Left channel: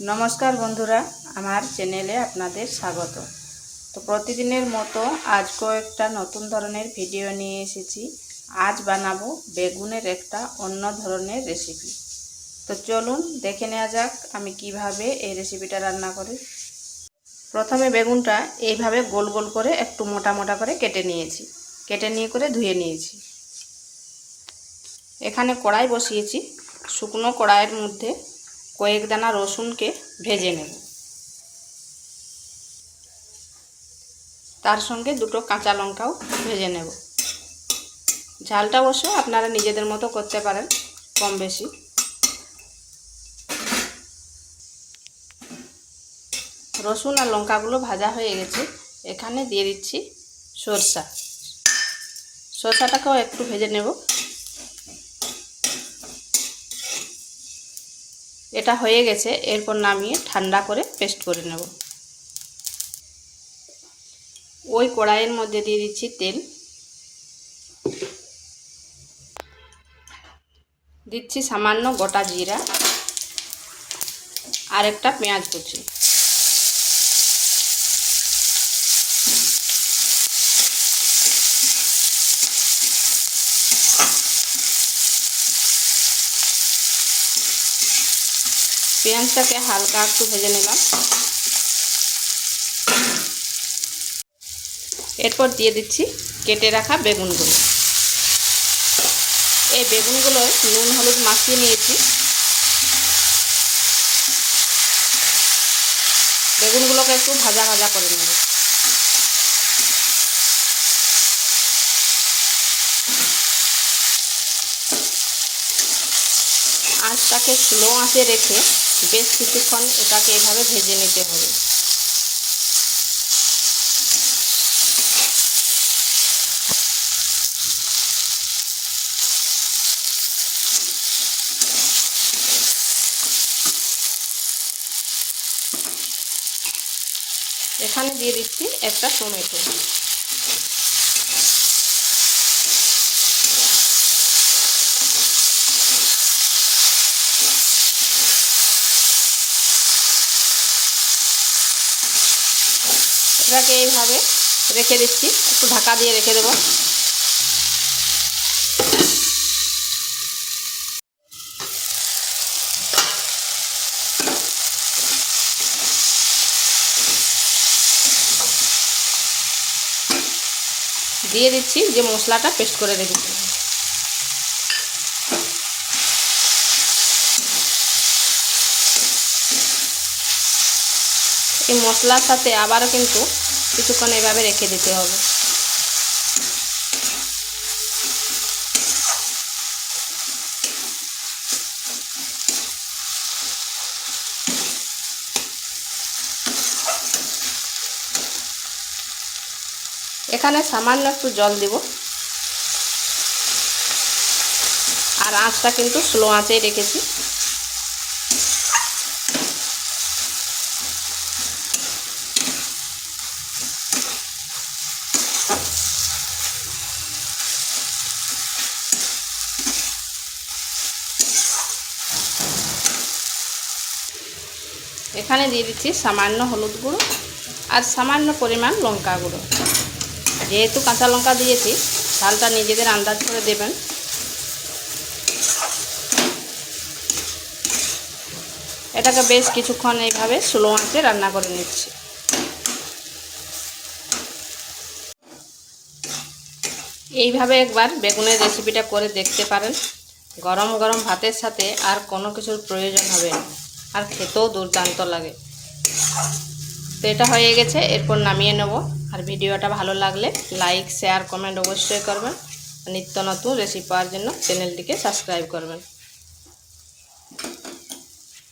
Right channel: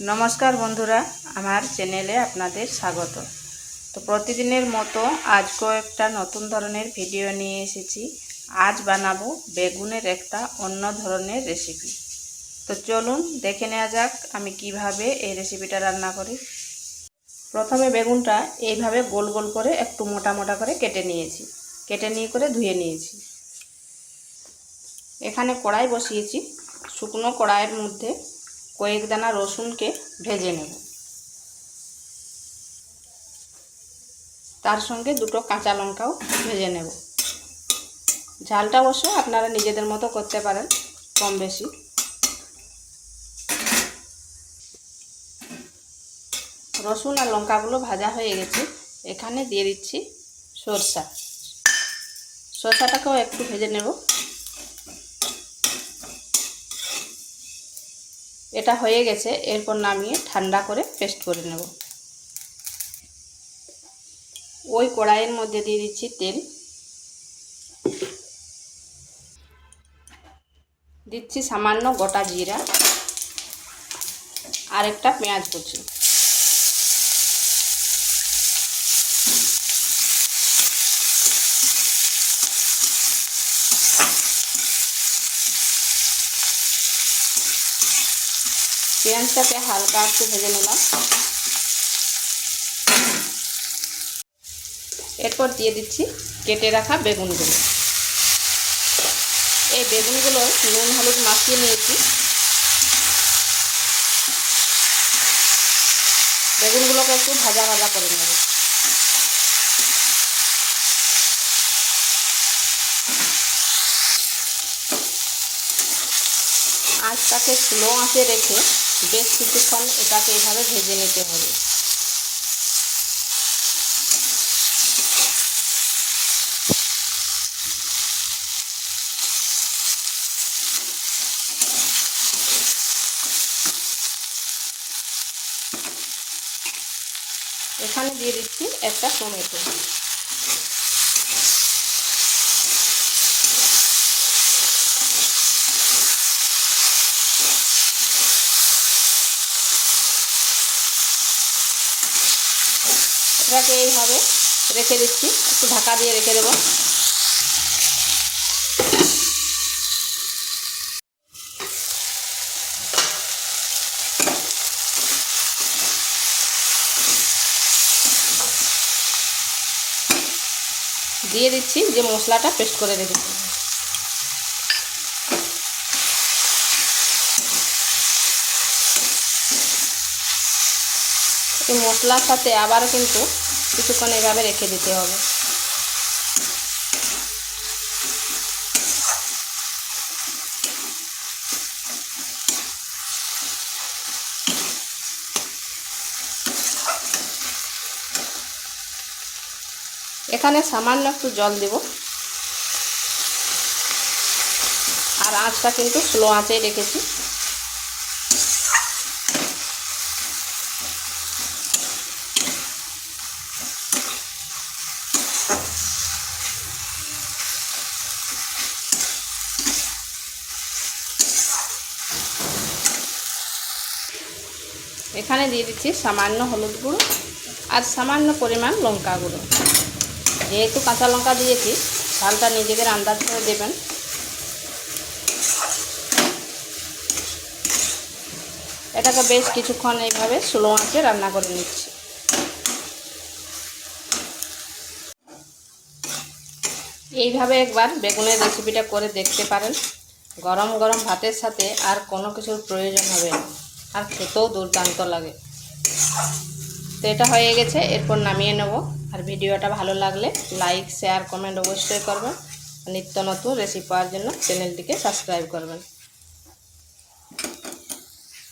নমস্কার বন্ধুরা, আমার চ্যানেলে আপনাদের স্বাগত। তো প্রতিদিনের মতো আজকেও একটা নতুন ধরনের ভিডিও নিয়ে এসেছি। আজ বানাবো বেগুনের একটা অন্য ধরনের রেসিপি। তো চলুন দেখে নেওয়া যাক আমি কিভাবে এই রেসিপিটা রান্না করি। প্রথমে বেগুনটা এইভাবে গোল গোল করে একটু মোটা মোটা করে কেটে নিয়েছি, কেটে নিয়ে করে ধুয়ে নিয়েছি। এখানে কড়াই বসিয়েছি, শুকনো কড়াইয়ের মধ্যে কয়েক দানা রসুনকে ভেজে নেব, তার সঙ্গে দুটো কাঁচা লঙ্কাও ভেজে নেব। ঝালটা অবশ্য আপনারা নিজেদের মতো করতে পারেন, কম বেশি। রসুন আর লঙ্কাগুলো ভাজা হয়ে গেছে, এখানে দিয়ে দিচ্ছি সরষাটাকেও একটু ভেজে নেব। এটা হয়ে গেছে, এরপর নামিয়ে ঠান্ডা করে পেস্ট করে নেব। ওই কড়াইয়ের মধ্যে দিয়ে দিচ্ছি তেল, দিচ্ছি সামান্য গোটা জিরা আর একটা পেঁয়াজ কুচি। পেঁয়াজটাকে হালকা একটু ভেজে নিলাম। এরপর দিয়ে দিচ্ছি কেটে রাখা বেগুনগুলো। এই বেগুনগুলো নুন হলুদ মাখিয়ে নিয়েছি। বেগুনগুলোকে একটু ভাজা ভাজা করে নেব। আঁচটাকে স্লো আঁচে রেখে বেশ কিছুক্ষণ এটাকে এভাবে ভেজে নিতে হবে। এখানে দিয়ে দিচ্ছি একটা টমেটো। এটাকে এইভাবে রেখে দিচ্ছি, একটু ঢাকা দিয়ে রেখে দেব। দিয়ে দিচ্ছি যে মশলাটা পেস্ট করে রেখেছি। এই মশলার সাথে আবারও কিন্তু কিছুক্ষণ এভাবে রেখে দিতে হবে। এখানে সামান্য একটু জল দেব, আর আঁচটা কিন্তু স্লো আঁচেই রেখেছি। এখানে দিয়ে দিচ্ছি সামান্য হলুদ গুঁড়ো আর সামান্য পরিমাণ লঙ্কা গুঁড়ো। যেহেতু কাঁচা লঙ্কা দিয়েছি, ঝালটা নিজেদের আন্দাজ করে দেবেন। এটাকে বেশ কিছুক্ষণ এইভাবে স্লো আঁচে রান্না করে নিচ্ছি। এইভাবে একবার বেগুনের রেসিপিটা করে দেখতে পারেন। গরম গরম ভাতের সাথে আর কোনো কিছুর প্রয়োজন হবে না, আর খেতেও দুর্দান্ত লাগে। তো এটা হয়ে গেছে, এরপর নামিয়ে নেব। আর ভিডিওটা ভালো লাগলে লাইক শেয়ার কমেন্ট অবশ্যই করবেন। নিত্য নতুন রেসিপি পাওয়ার জন্য চ্যানেলটিকে সাবস্ক্রাইব করবেন।